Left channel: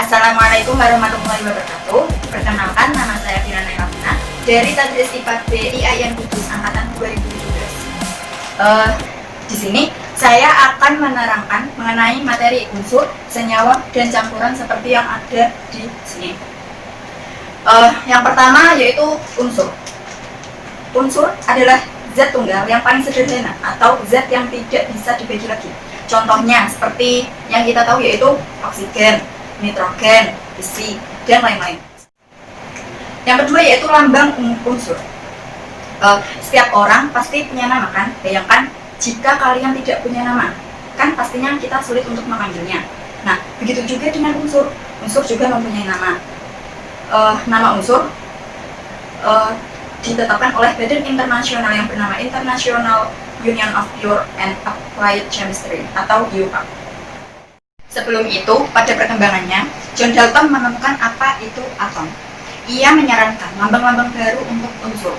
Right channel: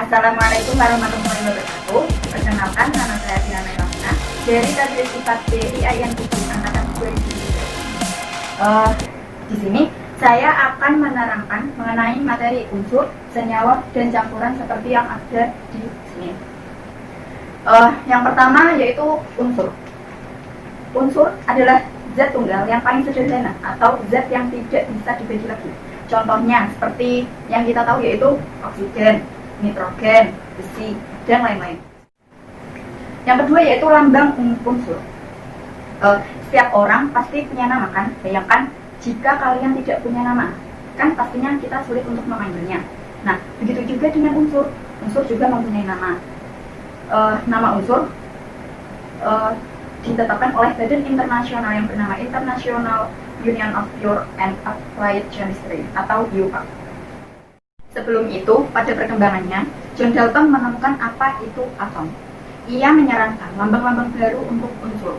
Assalamualaikum warahmatullahi wabarakatuh. Perkenalkan, nama saya Firana Kamina dari Tadris IPA IAIN Kudus Angkatan 2017. Di sini saya akan menerangkan mengenai materi unsur, senyawa, dan campuran seperti yang ada di sini. Yang pertama yaitu unsur. Unsur adalah zat tunggal yang paling sederhana atau zat yang tidak bisa dibagi lagi. Contohnya seperti yang kita tahu yaitu oksigen, nitrogen, besi, dan lain-lain. Yang kedua yaitu lambang unsur. Setiap orang pasti punya nama kan? Bayangkan jika kalian tidak punya nama, kan pastinya kita sulit untuk memanggilnya. Nah, begitu juga dengan unsur. Unsur juga mempunyai nama. Nama unsur ditetapkan oleh badan internasional yang bernama International Union of Pure and Applied Chemistry atau IUPAC. Sebelum itu, pada perkembangannya, John Dalton menemukan apa itu atom. Ia menyarankan lambang-lambang baru untuk unsur.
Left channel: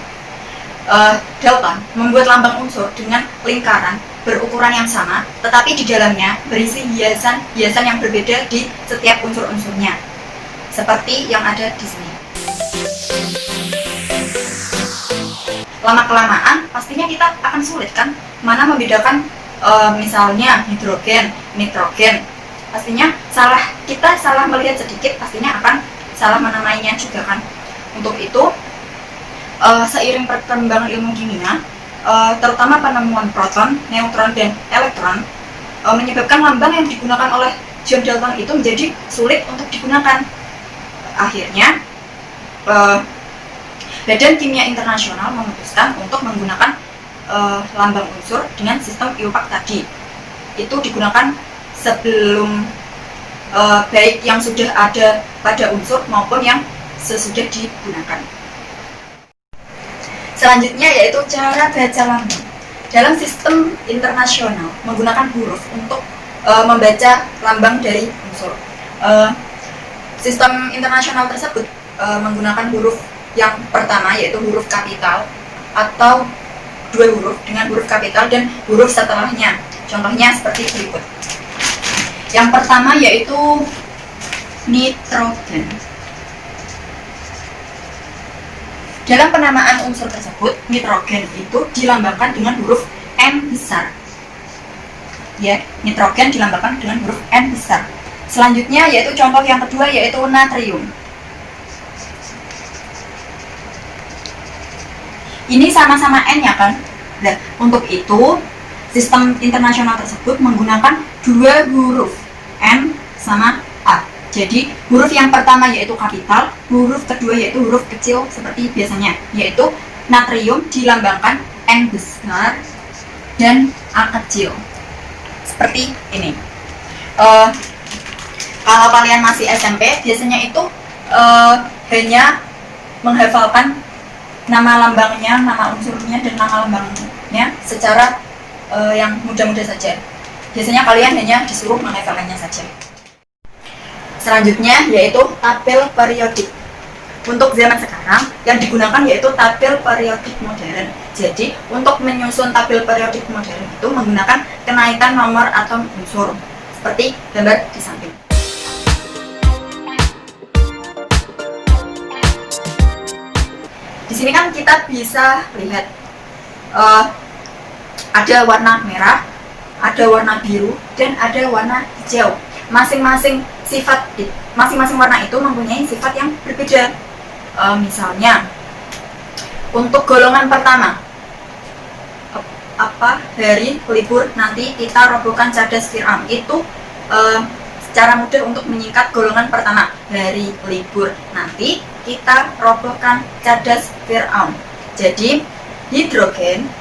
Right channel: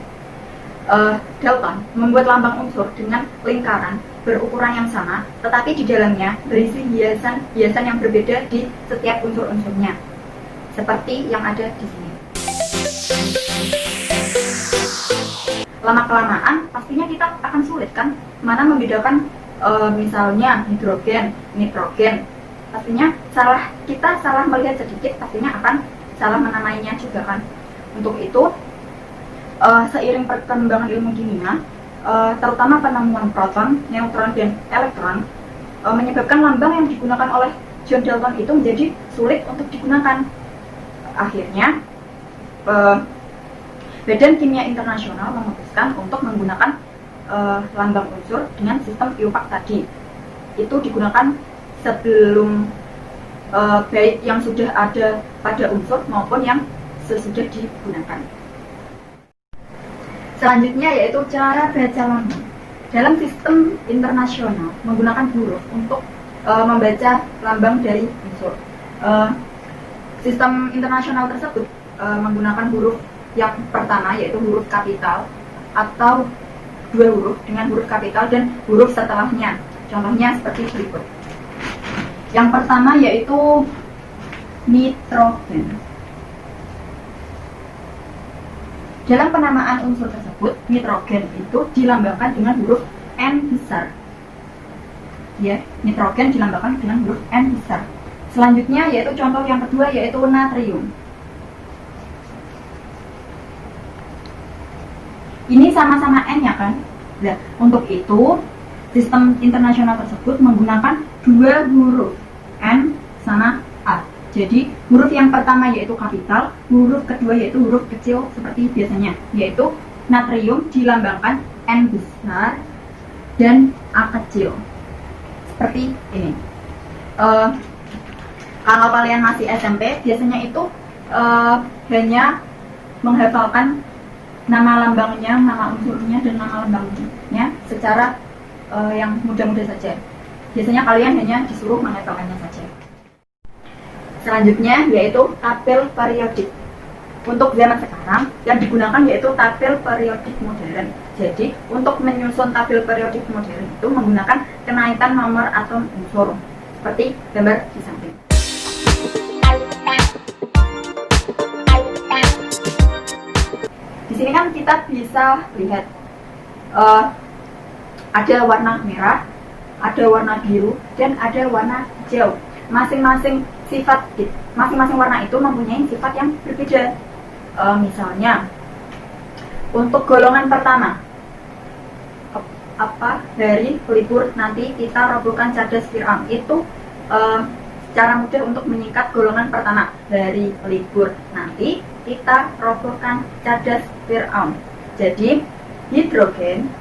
Dalton membuat lambang unsur dengan lingkaran berukuran yang sama, tetapi di dalamnya berisi hiasan yang berbeda di setiap unsur-unsurnya, seperti yang ada di sini. Lama-kelamaan, pastinya kita akan sulit kan, mana membedakan misalnya hidrogen, nitrogen. Pastinya kita salah melihat sedikit, pastinya akan salah menamainya juga kan. Untuk itu, seiring perkembangan ilmu kimia, terutama penemuan proton, neutron, dan elektron, menyebabkan lambang yang digunakan oleh John Dalton itu menjadi sulit untuk digunakan. Akhirnya, Badan Kimia Internasional memutuskan untuk menggunakan lambang unsur dengan sistem IUPAC tadi. Itu digunakan sebelum baik yang sudah ada pada unsur maupun yang sesudah digunakan. Selanjutnya yaitu cara baca lambang. Dalam sistem internasional menggunakan huruf untuk membaca lambang dari unsur. Sistem internasional tersebut menggunakan huruf yang pertama yaitu huruf kapital atau dua huruf dengan huruf kapital dan huruf setelahnya. Contohnya seperti berikut. Yang pertama yaitu nitrogen. Dalam penamaan unsur tersebut, nitrogen itu dilambangkan dengan huruf N besar. Ya, nitrogen dilambangkan dengan huruf N besar. Selanjutnya yaitu contoh yang kedua yaitu natrium. Ini sama-sama N ya kan? Nah, untuk itu sistem internasional tersebut menggunakan dua huruf N sama A. Jadi huruf yang pertama yaitu kapital, huruf kedua yaitu huruf kecil seperti biasanya, yaitu natrium dilambangkan N besar dan A kecil. Seperti ini. Kalau kalian masih SMP, biasanya itu hanya menghafalkan nama lambangnya, nama unsurnya, dan nama lambangnya secara yang mudah-mudah saja. Biasanya kalian hanya disuruh menghafalkannya saja. Selanjutnya yaitu tabel periodik. Untuk zaman sekarang yang digunakan yaitu tabel periodik modern. Jadi untuk menyusun tabel periodik modern itu menggunakan kenaikan nomor atom unsur seperti gambar di samping. Di sini kan kita bisa lihat ada warna merah, ada warna biru, dan ada warna hijau. Masing-masing warna itu mempunyai sifat yang berbeda. Misalnya, untuk golongan pertama, hari libur nanti kita robohkan cadas Fir'aun. Itu secara mudah untuk menyingkat golongan pertama, hari libur nanti kita robohkan cadas Fir'aun. Jadi hidrogen,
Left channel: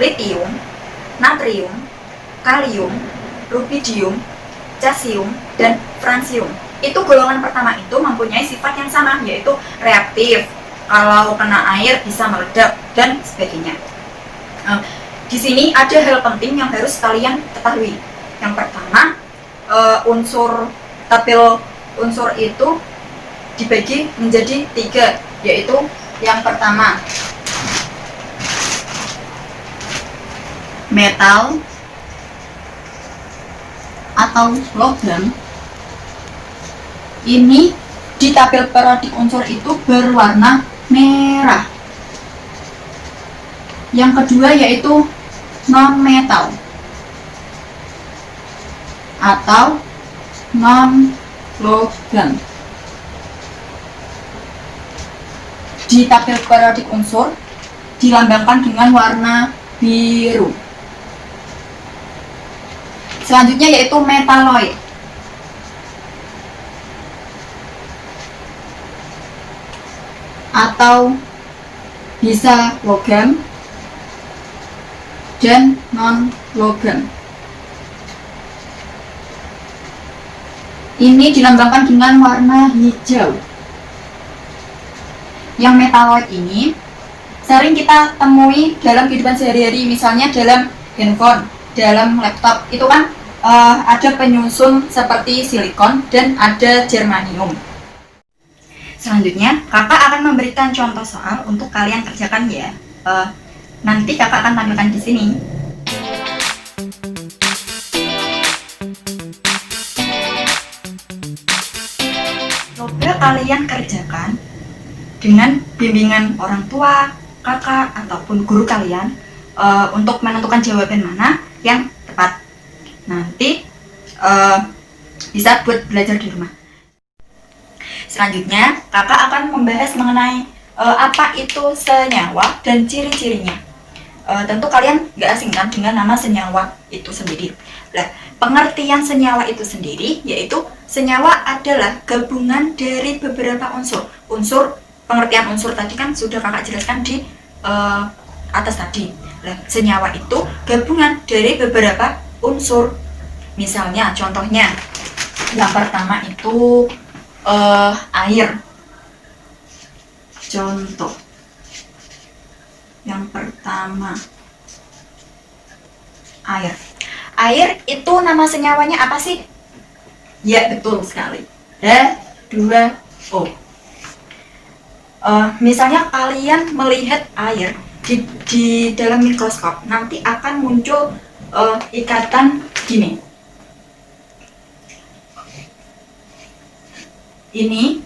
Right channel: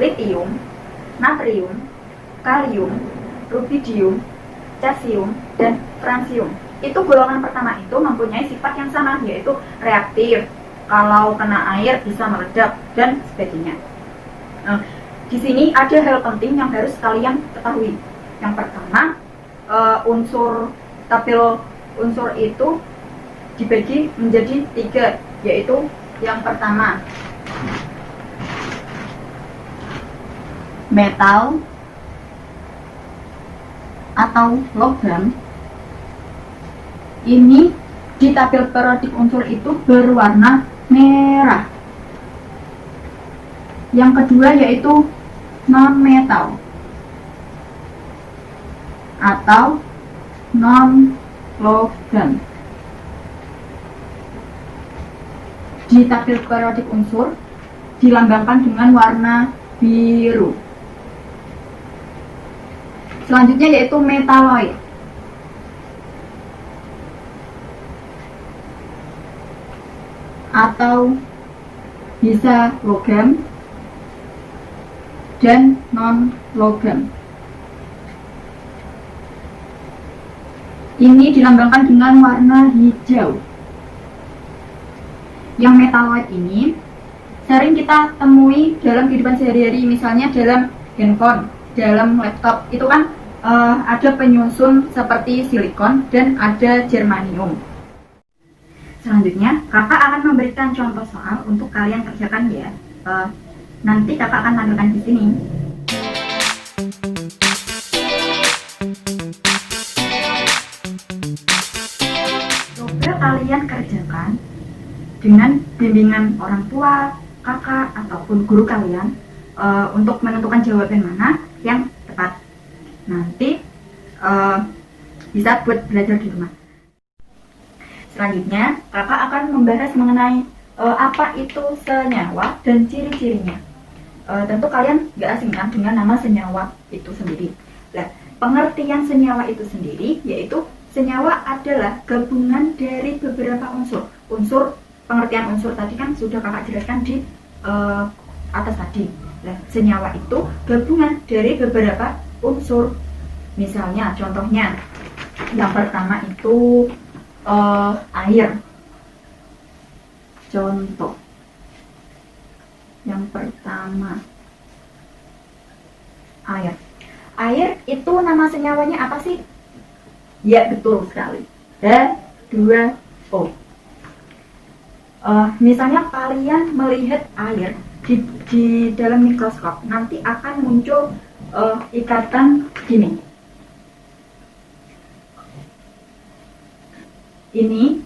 litium, natrium, kalium, rubidium, cesium, dan fransium. Itu golongan pertama itu mempunyai sifat yang sama, yaitu reaktif. Kalau kena air bisa meledak dan sebagainya. Di sini ada hal penting yang harus kalian ketahui. Yang pertama, tabel unsur itu dibagi menjadi 3, yaitu yang pertama metal atau logam, Ini di tabel periodik unsur itu berwarna merah. Yang kedua yaitu non-metal atau non-logam. Di tabel periodik unsur dilambangkan dengan warna biru. Selanjutnya yaitu metaloid atau bisa logam dan non-logam. Ini dilambangkan dengan warna hijau. Yang metaloid ini sering kita temui dalam kehidupan sehari-hari, misalnya dalam handphone, dalam laptop. Itu kan ada penyusun seperti silikon dan ada germanium. Selanjutnya, kakak akan memberikan contoh soal untuk kalian kerjakan ya. Nanti kakak akan tampilkan di sini. Coba kalian kerjakan dengan bimbingan orang tua, kakak, ataupun guru kalian untuk menentukan jawaban mana yang tepat. Nanti bisa buat belajar di rumah. Selanjutnya, kakak akan membahas mengenai apa itu senyawa dan ciri-cirinya. Tentu kalian gak asing kan dengan nama senyawa itu sendiri. Nah, pengertian senyawa itu sendiri yaitu senyawa adalah gabungan dari beberapa unsur. Pengertian unsur tadi kan sudah kakak jelaskan di atas tadi. Nah, senyawa itu gabungan dari beberapa unsur. Misalnya, contohnya yang pertama itu air. Contoh yang pertama, air. Air itu nama senyawanya apa sih? Ya, betul sekali, H2O. Misalnya kalian melihat air di dalam mikroskop, nanti akan muncul ikatan gini. Ini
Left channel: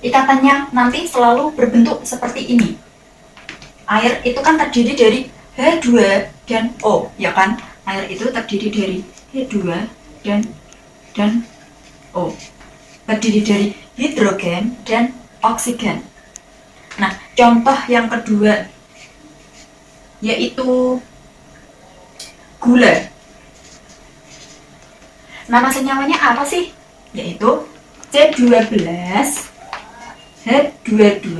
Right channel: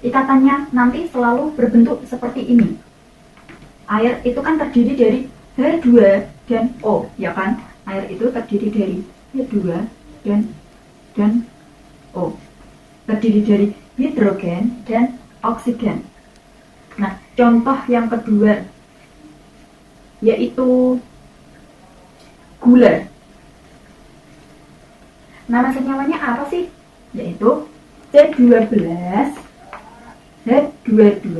ikatannya nanti selalu berbentuk seperti ini. Air itu kan terdiri dari H2 dan O, ya kan? Air itu terdiri dari H2 dan O. Terdiri dari hidrogen dan oksigen. Nah, contoh yang kedua yaitu gula. Nama senyawanya apa sih? Yaitu C12, H22,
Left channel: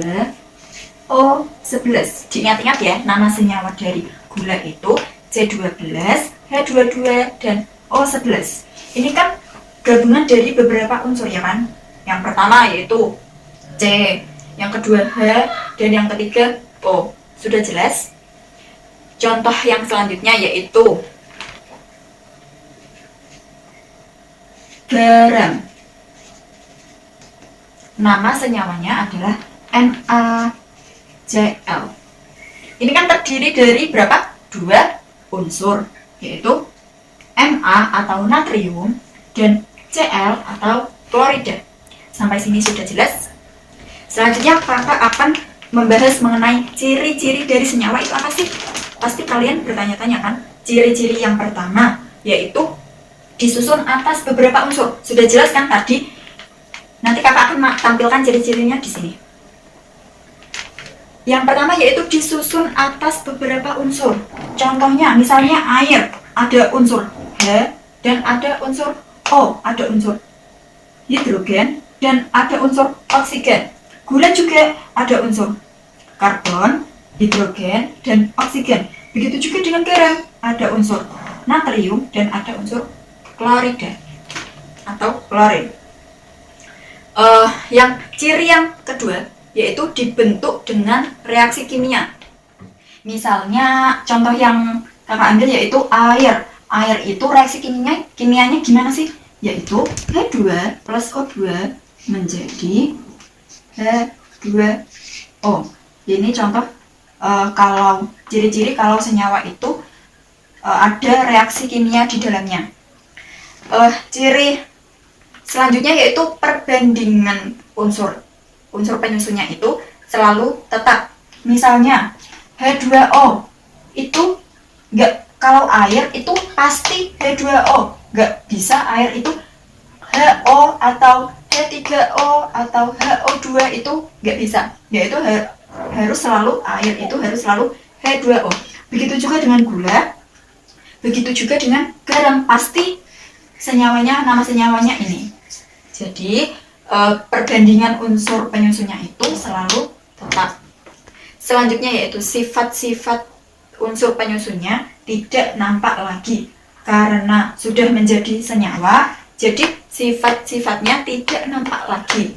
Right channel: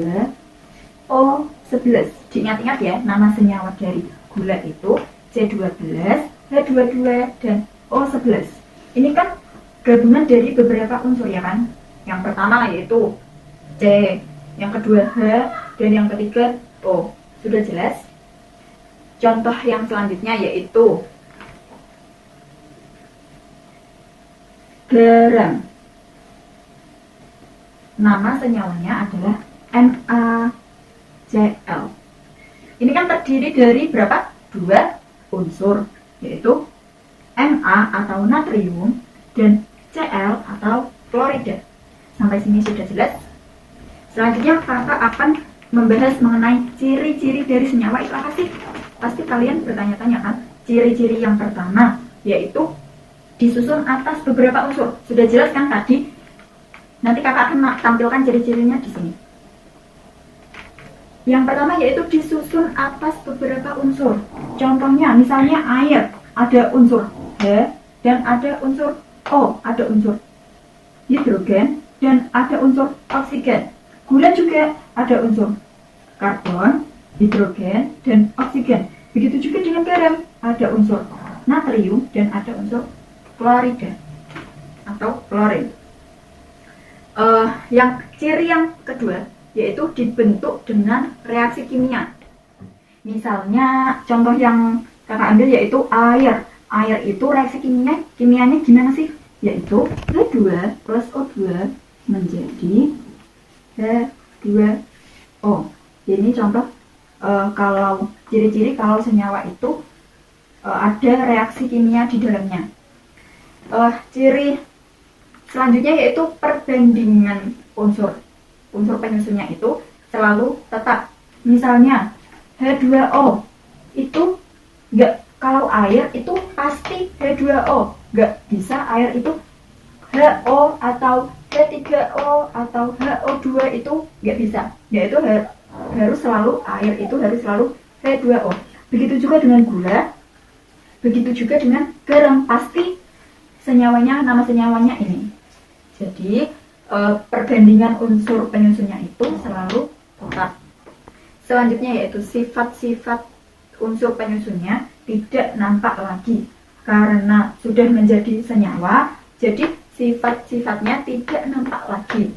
O11. Diingat-ingat ya, nama senyawa dari gula itu C12, H22, dan O11. Ini kan gabungan dari beberapa unsur ya kan? Yang pertama yaitu C, yang kedua H, dan yang ketiga O. Sudah jelas? Contoh yang selanjutnya yaitu garam. Nama senyawanya adalah NaCl. Ini kan terdiri dari berapa? Dua unsur, yaitu Na atau natrium dan Cl atau klorida. Sampai sini sudah jelas? Selanjutnya kakak akan membahas mengenai ciri-ciri dari senyawa itu apa sih? Pasti kalian bertanya-tanya kan? Ciri-ciri yang pertama yaitu disusun atas beberapa unsur. Sudah jelas kan tadi? Nanti kakak akan tampilkan ciri-cirinya di sini. Yang pertama yaitu disusun atas beberapa unsur. Contohnya, misalnya air, ada unsur H dan ada unsur O, ada unsur hidrogen dan ada unsur oksigen. Gula juga ada unsur karbon, hidrogen, dan oksigen. Begitu juga dengan garam, ada unsur natrium dan ada unsur klorida atau klorin. Yang ciri yang kedua yaitu dibentuk dengan reaksi kimia. Misalnya contoh yang kakak ambil yaitu air. Air itu reaksi kimianya gimana sih? Yaitu H2 plus O2 menjadi H2O. Ini contoh kalau ciri-ciri kalau senyawa itu ada reaksi kimia di dalamnya. Ciri Selanjutnya yaitu perbandingan unsur. Unsur penyusunnya itu selalu tetap. Misalnya H2O itu kalau air itu pasti H2O. Nggak bisa air itu HO atau H3O atau HO2, itu nggak bisa. Yaitu harus selalu air itu harus selalu H2O. Begitu juga dengan gula, begitu juga dengan garam, pasti senyawanya, nama senyawanya ini. Jadi perbandingan unsur penyusunnya itu selalu tetap. Selanjutnya yaitu sifat-sifat unsur penyusunnya tidak nampak lagi karena sudah menjadi senyawa, jadi sifat-sifatnya tidak nampak lagi.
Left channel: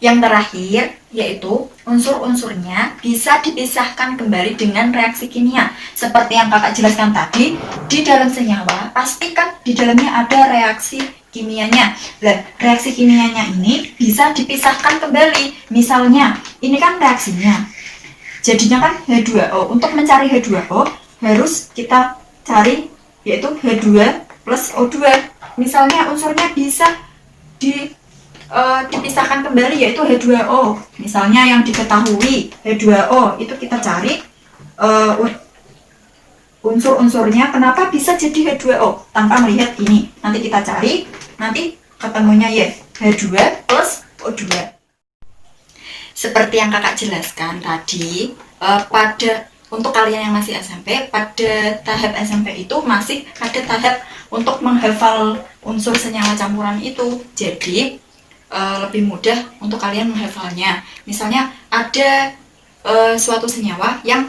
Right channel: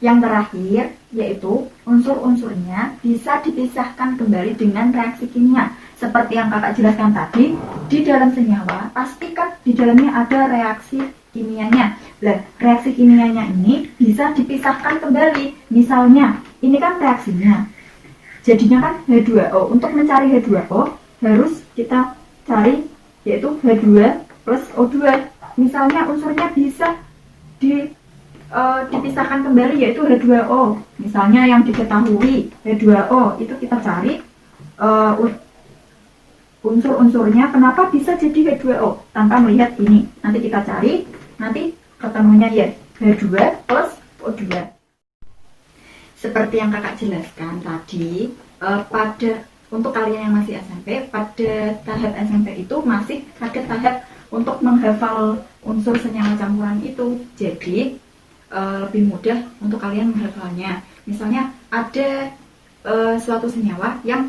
Yang terakhir yaitu unsur-unsurnya bisa dipisahkan kembali dengan reaksi kimia. Seperti yang kakak jelaskan tadi, di dalam senyawa pastikan di dalamnya ada reaksi kimianya. Nah, reaksi kimianya ini bisa dipisahkan kembali. Misalnya, ini kan reaksinya. Jadinya kan H2O. Untuk mencari H2O harus kita cari yaitu H2 plus O2. Misalnya unsurnya bisa dipisahkan kembali yaitu H2O. Misalnya yang diketahui H2O itu kita cari unsur-unsurnya kenapa bisa jadi H2O tanpa melihat ini. Nanti kita cari, nanti ketemunya ya H2 plus O2. Seperti yang kakak jelaskan tadi, untuk kalian yang masih SMP, pada tahap SMP itu masih ada tahap untuk menghafal unsur senyawa campuran itu. Jadi lebih mudah untuk kalian menghafalnya. Misalnya ada suatu senyawa yang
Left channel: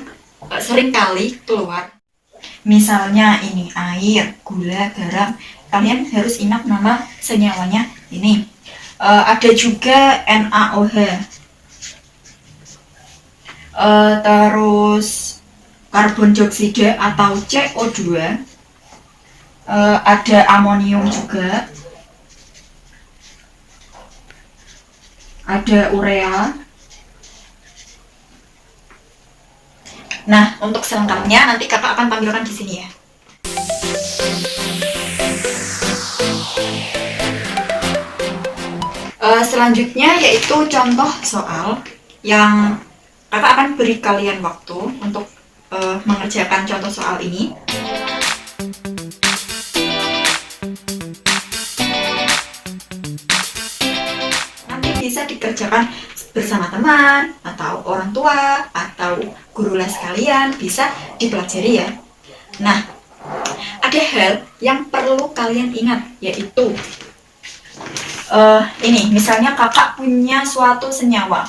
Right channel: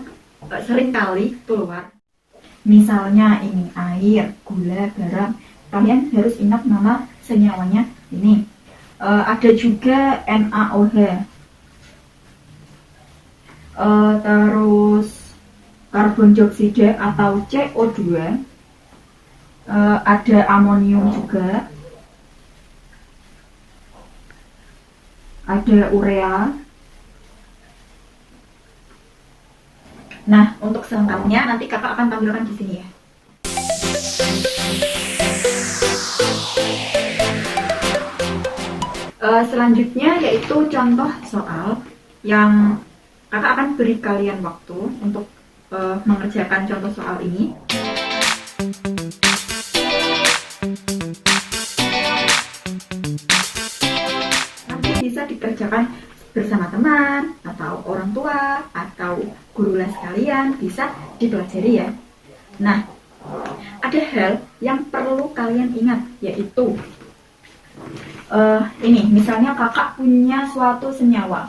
sering kali keluar. Misalnya ini air, gula, garam. Kalian harus ingat nama senyawanya ini. Ada juga NaOH. Terus karbon dioksida atau CO2. Ada amonium juga. Ada urea. Nah, untuk selengkapnya nanti kakak akan tampilkan di sini ya. Selanjutnya yaitu contoh soal yang kakak akan beri kalian waktu untuk mengerjakan contoh soal ini. Bisa dikerjakan bersama teman atau orang tua atau guru les kalian, bisa dipelajari ya. Nah, ada hal yang perlu kalian ingat yaitu ini misalnya kakak punya suatu senyawa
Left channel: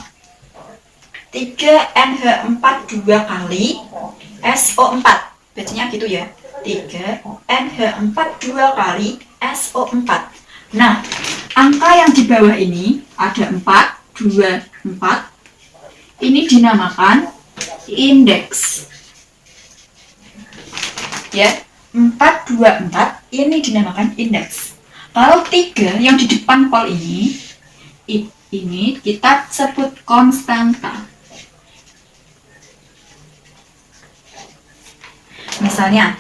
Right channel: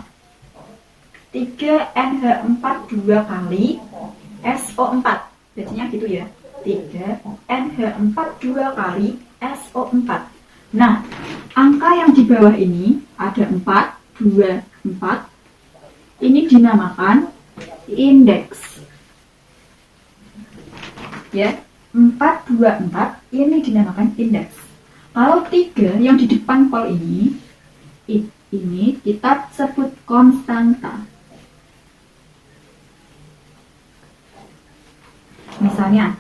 3NH4 2 kali SO4, bacanya gitu ya, 3NH4 2 kali SO4. Nah, angka yang di bawah ini ada 4, 2, 4. Ini dinamakan indeks. Ya, 4, 2, 4 ini dinamakan indeks. Kalau 3 yang di depan kol ini kita sebut konstanta. Misalnya,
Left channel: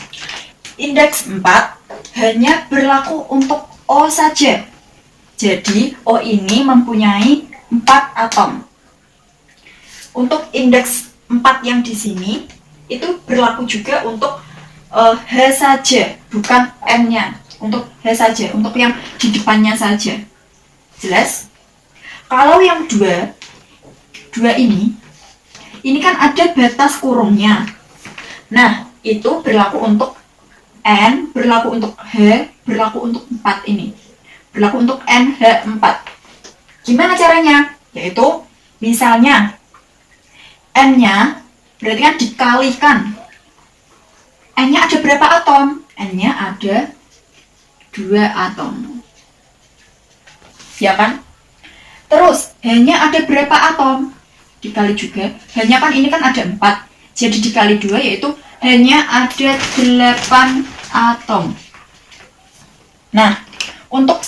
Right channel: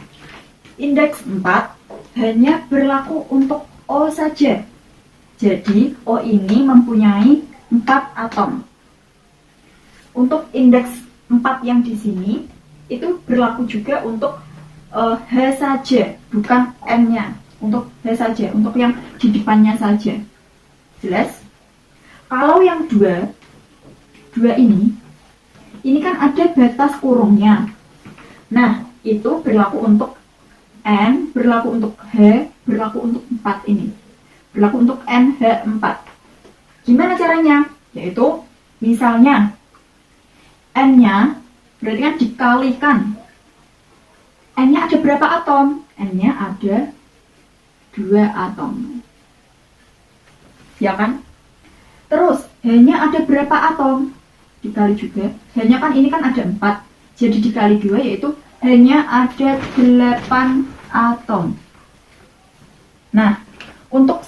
indeks 4 hanya berlaku untuk O saja. Jadi O ini mempunyai 4 atom. Untuk indeks 4 yang di sini itu berlaku juga untuk H saja, bukan N-nya. Untuk H saja, untuk yang di depannya saja. Jelas? Kalau yang 2 ini kan ada batas kurungnya. Nah, itu berlaku untuk N, berlaku untuk H, berlaku untuk 4 ini. Berlaku untuk NH4. Gimana caranya? Yaitu, misalnya, N-nya berarti kan dikalikan. N-nya ada berapa atom? N-nya ada 2 atom. Ya kan? Terus, H-nya ada berapa atom? Dikali juga. H-nya kan ini kan ada 4. Jadi dikali 2 yaitu H-nya ada 8 atom. Nah, untuk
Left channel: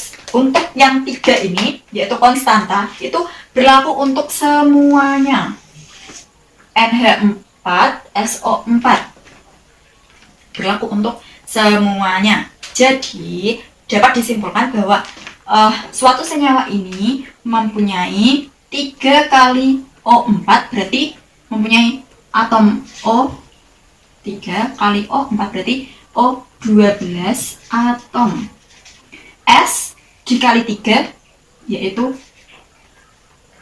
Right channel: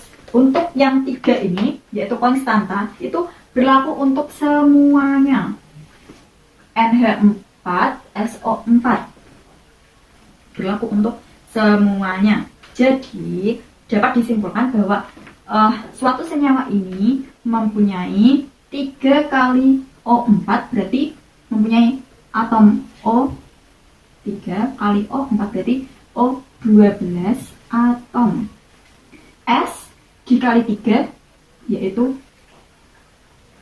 yang 3 ini, yaitu konstanta, itu berlaku untuk semuanya. NH4, SO4. Berlaku untuk semuanya. Jadi, dapat disimpulkan bahwa suatu senyawa ini mempunyai 3 kali O4, berarti mempunyai atom O3 kali O4, berarti O12 atom. S dikali 3 yaitu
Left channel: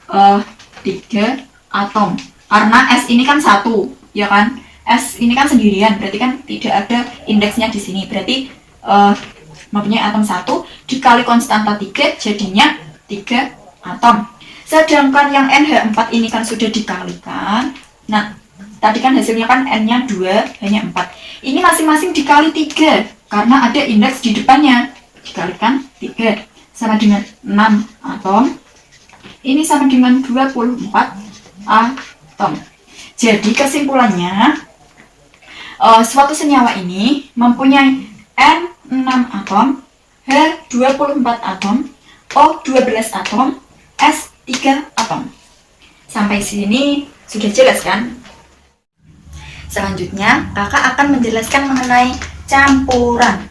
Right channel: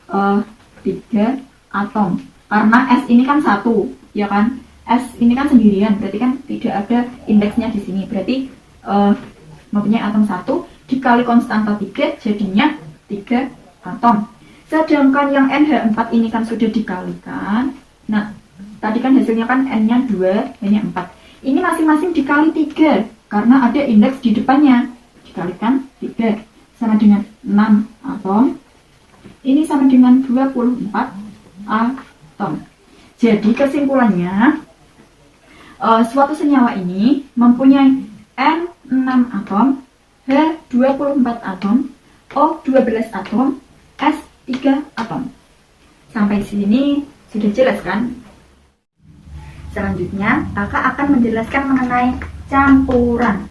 3 atom. Karena S ini kan 1, ya kan? S ini kan sendirian, berarti kan tidak ada indeksnya di sini. Berarti mempunyai atom 1 dikali konstanta 3 jadinya 3 atom. Sedangkan yang NH4 ini kan sudah dikalikan. Nah, tadi kan hasilnya kan N-nya 2, hanya 4. Ini masing-masing dikali 3 karena ada indeks di depannya. Dikalikan 3 sama dengan 6 atom. Ini sama dengan 24 atom. Jadi kesimpulannya, suatu senyawa ini mempunyai N6 atom, H24 atom, O12 atom, S3 atom. Sampai sini sudah jelas kan? Selanjutnya, kakak akan menjelaskan mengenai campuran.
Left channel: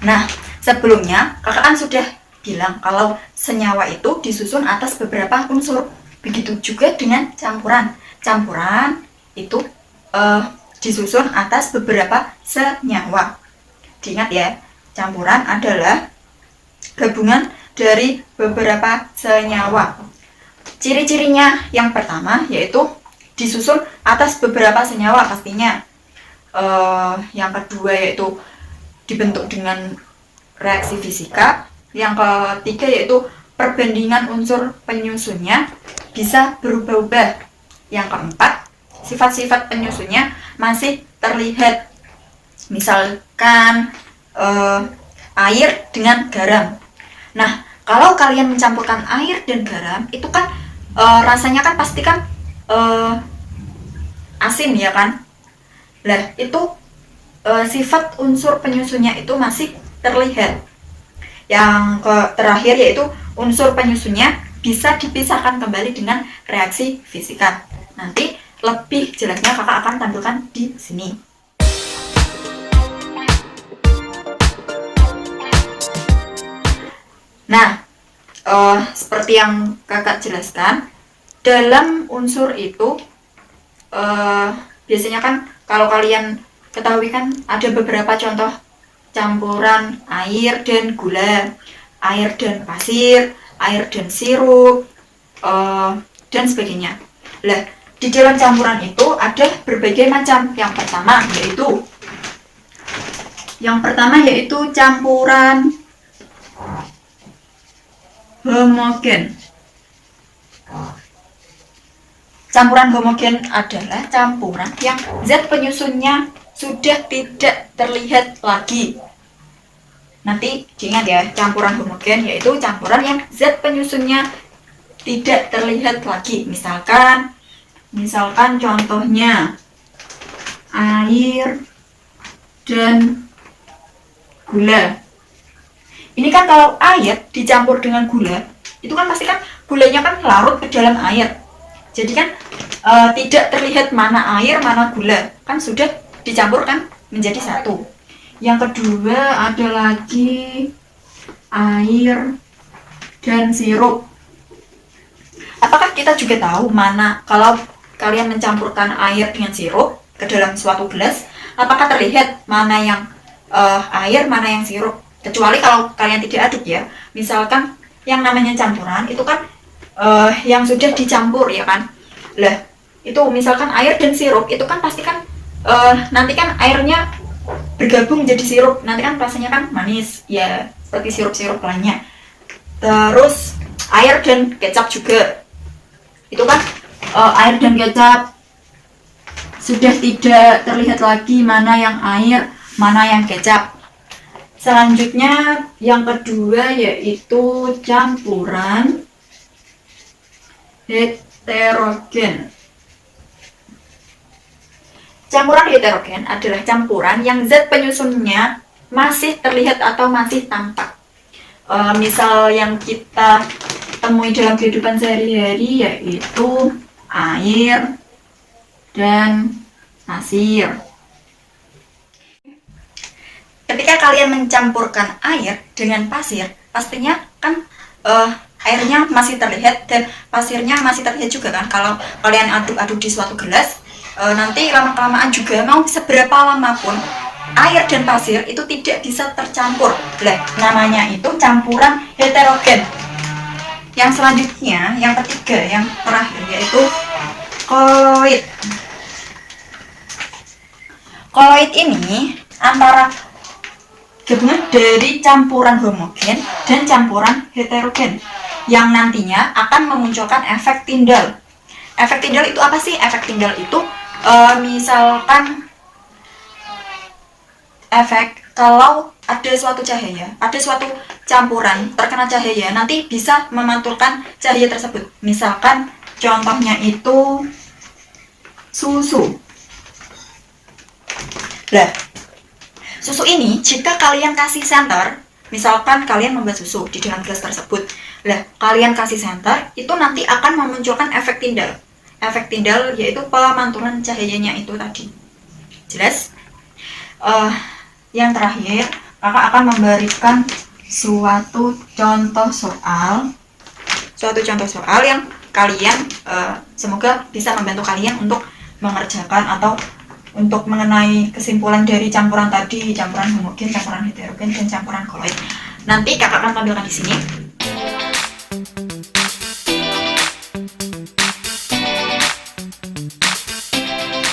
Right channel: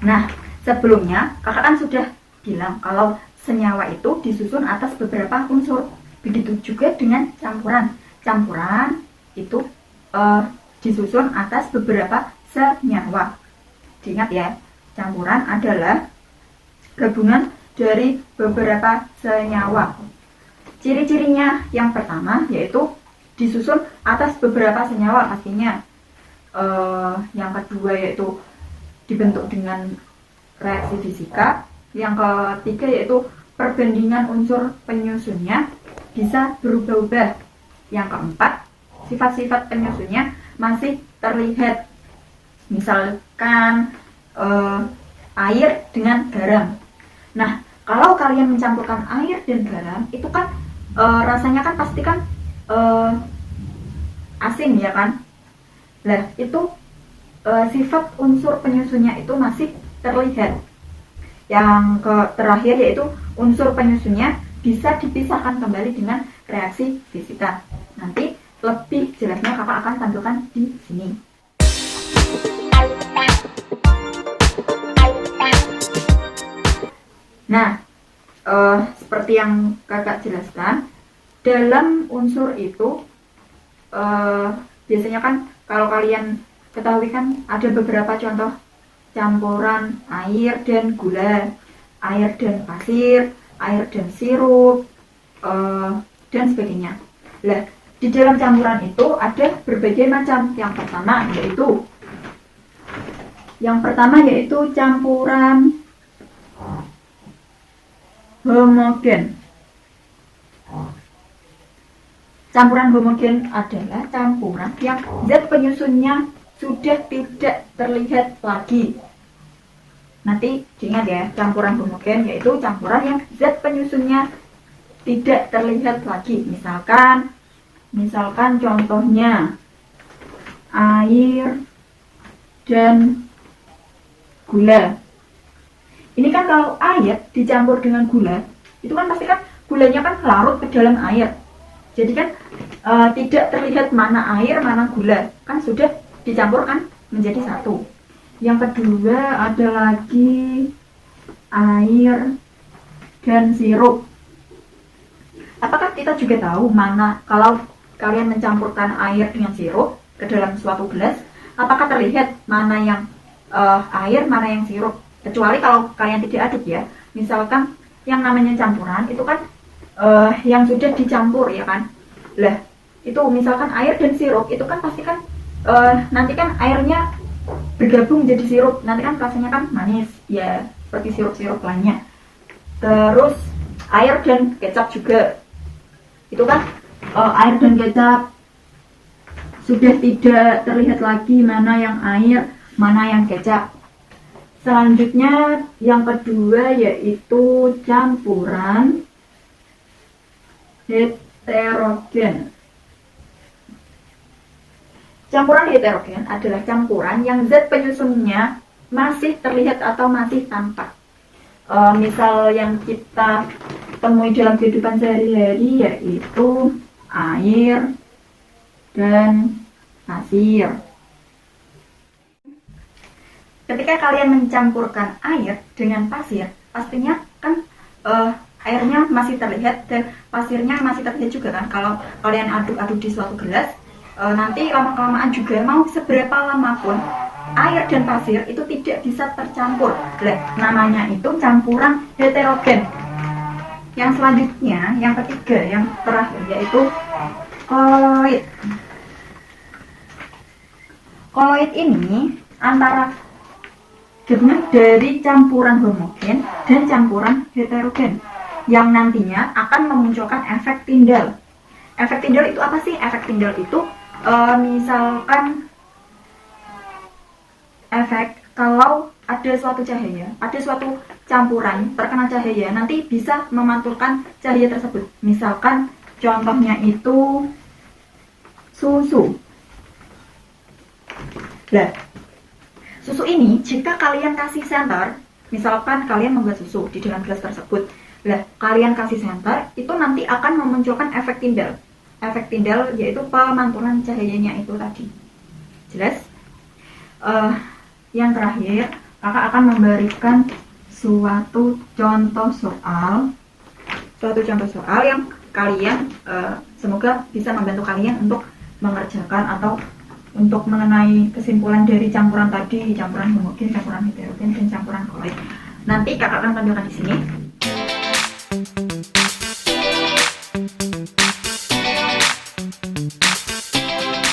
Nah, sebelumnya kakak kan sudah bilang kalau senyawa itu disusun atas beberapa unsur. Begitu juga dengan campuran. Campuran itu disusun atas beberapa senyawa. Diingat ya, campuran adalah gabungan dari beberapa senyawa. Ciri-cirinya yang pertama yaitu disusun atas beberapa senyawa pastinya. Yang kedua yaitu dibentuk dengan reaksi fisika. Yang ketiga yaitu perbandingan unsur penyusunnya bisa berubah-ubah. Yang keempat, sifat-sifat penyusunnya masih terlihat. Misalkan air dengan garam. Nah, kalau kalian mencampurkan air dan garam, itu kan rasanya kan pasti kan asin ya kan? Lah, itu sifat unsur penyusunnya itu masih terlihat. Yang terakhir yaitu unsur penyusunnya bisa dipisahkan kembali dengan reaksi fisika. Nanti lebih jelasnya kakak akan tampilkan di sini. Nah, seperti yang kakak jelaskan, dalam unsur itu biasanya kan kalau kalian ketahui kan ada beberapa contoh campuran air dan gula, air dan pasir, air dan sirup, dan sebagainya. Lah, di dalam campuran itu ada berbagai macam. Yang pertama yaitu campuran homogen. Campuran homogen adalah campuran yang zat penyusunnya sudah tidak terlihat lagi. Nanti diingat ya, campuran homogen yaitu campuran yang zat penyusunnya tidak terlihat lagi. Misalkan contohnya air dan gula. Ini kan kalau air dicampur dengan gula, itu kan pasti kan gulanya kan larut ke dalam air. Jadi kan tidak terlihat mana air, mana gula. Kan sudah dicampur kan menjadi satu. Yang kedua ada lagi air dan sirup. Apakah kita juga tahu mana kalau kalian mencampurkan air dengan sirup ke dalam suatu gelas, apakah terlihat mana yang air, mana yang sirup? Kecuali kalau kalian tidak aduk ya. Misalkan yang namanya campuran itu kan yang sudah dicampur ya kan. Lah, itu misalkan air dan sirup itu kan pasti kan nanti kan airnya bergabung jadi sirup, nanti kan rasanya kan manis ya, seperti sirup-sirup lainnya. Terus air dan kecap juga, itu kan air dan kecap sudah tidak terlihat lagi mana yang air, mana yang kecap. Selanjutnya yang kedua yaitu campuran heterogen. Campuran heterogen adalah campuran yang zat penyusunnya masih terlihat atau masih tampak. Misal yang kita temui dalam kehidupan sehari-hari yaitu air dan pasir. ketika kalian mencampurkan air dengan pasir, pastinya kan airnya masih terlihat dan pasirnya masih terlihat juga kan. Kalau kalian aduk-aduk di suatu gelas, nanti lama-kelamaan juga mau seberapa lama pun air dan pasir itu tidak bisa tercampur. Lah, namanya itu campuran heterogen. Yang selanjutnya, yang ketiga, yang terakhir yaitu koloid. Koloid ini antara gabungan dari campuran homogen dan campuran heterogen yang nantinya akan memunculkan efek Tyndall. Efek Tyndall itu apa sih? Efek Tyndall itu misalkan efek kalau ada suatu cahaya, ada suatu campuran terkena cahaya, nanti bisa memantulkan cahaya tersebut. Misalkan contohnya itu susu. Lah, susu ini jika kalian kasih senter, misalkan kalian membuat susu di dalam gelas tersebut, lah kalian kasih senter, itu nanti akan memunculkan efek Tyndall. Efek Tyndall yaitu pemantulan cahayanya itu tadi. Jelas? Yang terakhir, kakak akan memberikan suatu contoh soal yang kalian semoga bisa membantu kalian untuk mengerjakan atau untuk mengenai kesimpulan dari campuran tadi, campuran homogen, campuran heterogen, dan campuran koloid. Nanti kakak akan tampilkan di sini.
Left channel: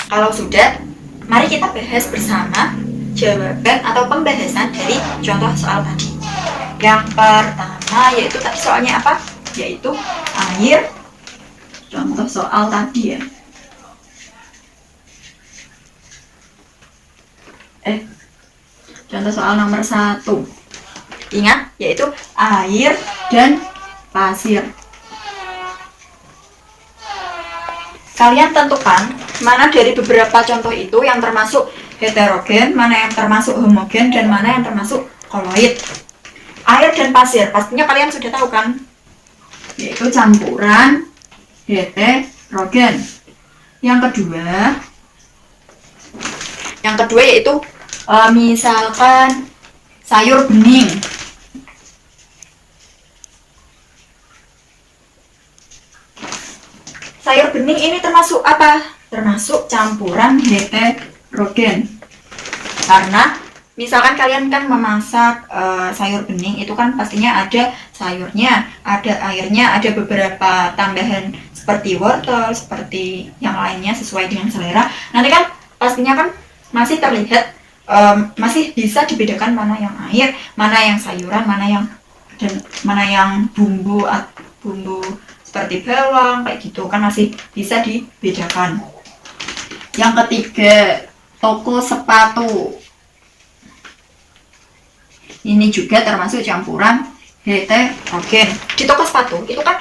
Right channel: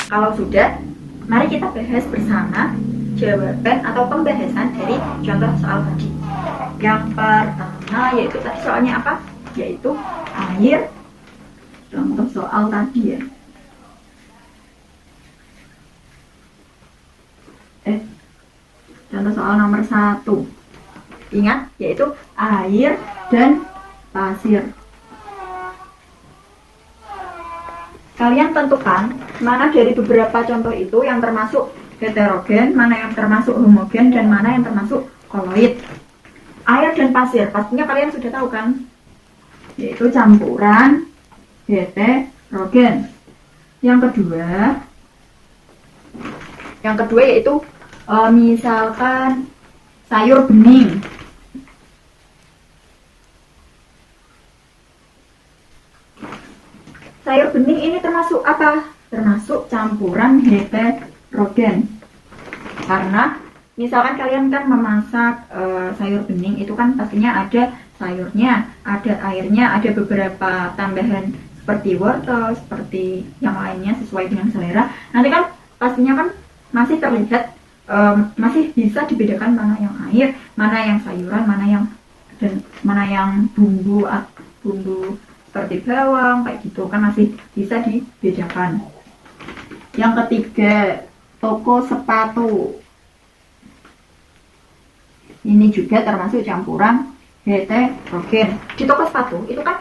Kalau sudah, mari kita bahas bersama jawaban atau pembahasan dari contoh soal tadi. Yang pertama yaitu tadi soalnya apa? Yaitu air. Contoh soal tadi ya. Contoh soal nomor 1. Ingat, yaitu air dan pasir. Kalian tentukan mana dari beberapa contoh itu yang termasuk heterogen, mana yang termasuk homogen, dan mana yang termasuk koloid. Air dan pasir, pastinya kalian sudah tahu kan? Yaitu campuran heterogen. Yang kedua yaitu misalkan sayur bening. Sayur bening ini termasuk apa? Termasuk campuran heterogen. Karena misalkan kalian kan memasak sayur bening, itu kan pastinya ada sayurnya, ada airnya, ada beberapa tambahan seperti wortel, seperti yang lainnya sesuai dengan selera. Nanti kan pastinya kan masih terlihat, masih bisa dibedakan mana yang air, mana yang sayuran, mana yang bumbu seperti bawang kayak gitu kan masih bisa dibedakan. Yang ketiga, toko sepatu. Ini juga termasuk campuran heterogen. Di toko sepatu itu kan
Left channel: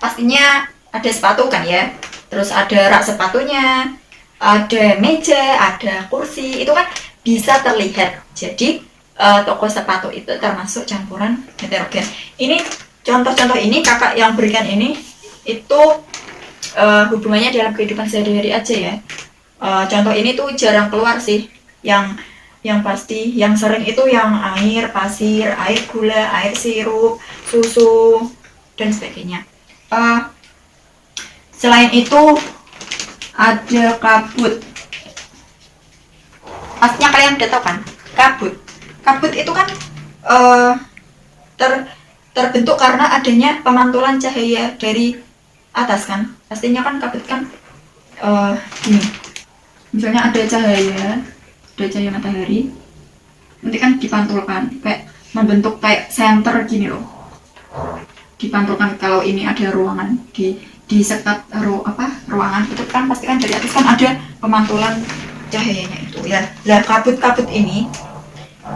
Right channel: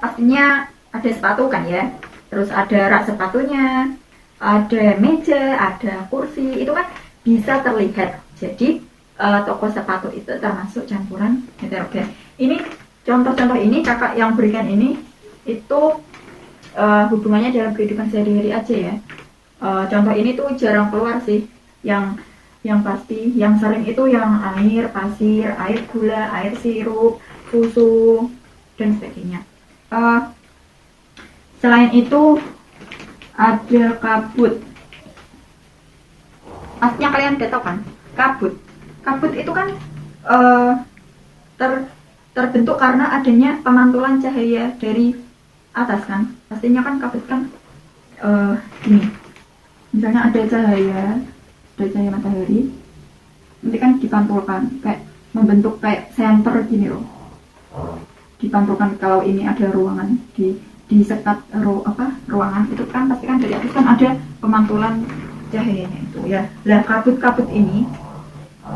pastinya ada sepatu kan ya. Terus ada rak sepatunya, ada meja, ada kursi, itu kan bisa terlihat. Jadi toko sepatu itu termasuk campuran heterogen. Ini contoh-contoh ini kakak yang berikan ini itu hubungannya dalam kehidupan sehari-hari aja ya. Contoh ini tuh jarang keluar sih. Yang pasti yang sering itu yang air, pasir, air gula, air sirup, susu dan sebagainya. Selain itu ada kabut. Pastinya kalian udah tahu kan? Kabut itu kan terbentuk karena adanya pemantulan cahaya dari atas kan. Pastinya kan kabut kan gini. Misalnya ada cahaya matahari, nanti kan dipantulkan kayak membentuk kayak senter gini loh. Dipantulkan kalau ini ada ruangan di sekat ruangan itu kan pasti kan dari atas kan ada pemantulan cahayanya itu ya. Lah kabut-kabut ini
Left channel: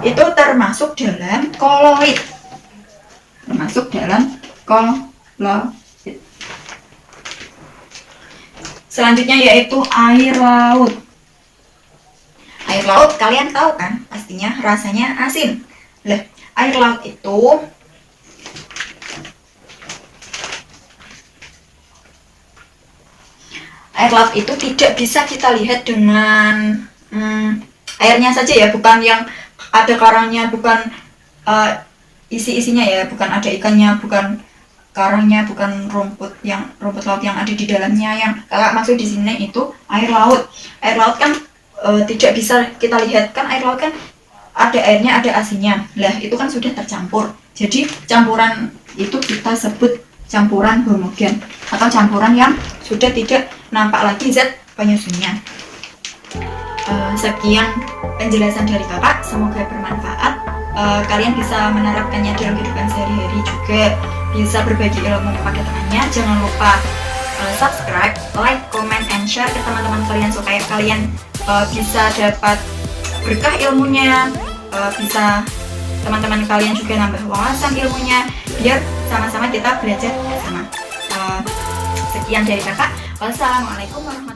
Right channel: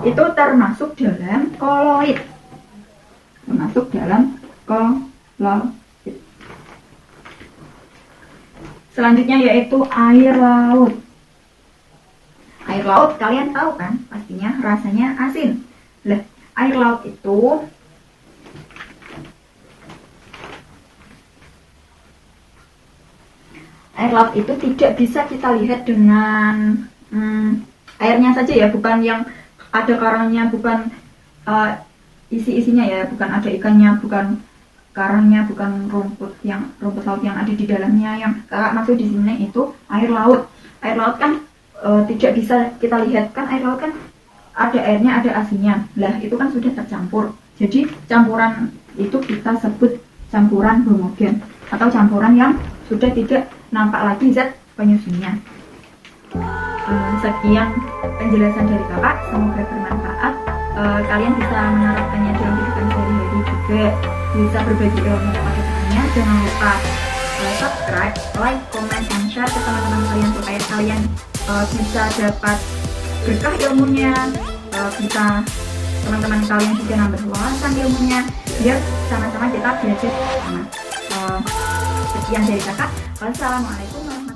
itu termasuk dalam koloid. Selanjutnya yaitu air laut. Air laut kalian tahu kan? Pastinya rasanya asin. Lah, air laut itu tidak bisa kita lihat dengan airnya saja ya, bukan yang ada karangnya, bukan isi-isinya ya, bukan ada ikannya, bukan karangnya, bukan rumput laut yang ada di dalamnya. Yang kakak maksud di sini itu air laut. Air laut kan tidak bisa kita lihat kan, air laut kan ada airnya, ada asinnya. Lah itu kan sudah tercampur. Jadi campuran itu kita sebut campuran homogen atau campuran yang sudah tidak nampak lagi zat penyusunnya. Sekian penjelasan dari kakak, semoga bermanfaat. Kalian bisa menerapkannya dalam kehidupan sehari-hari juga, bisa berbagi ilmu pada temannya. Jangan lupa subscribe, like, comment, and share ke teman-teman kalian supaya kalian bisa dapat berkah ilmunya, bisa teman-teman kalian juga nambah wawasan ilmunya, biar sama-sama kita belajar sama. Sekian dari kakak. Wassalamualaikum warahmatullahi wabarakatuh.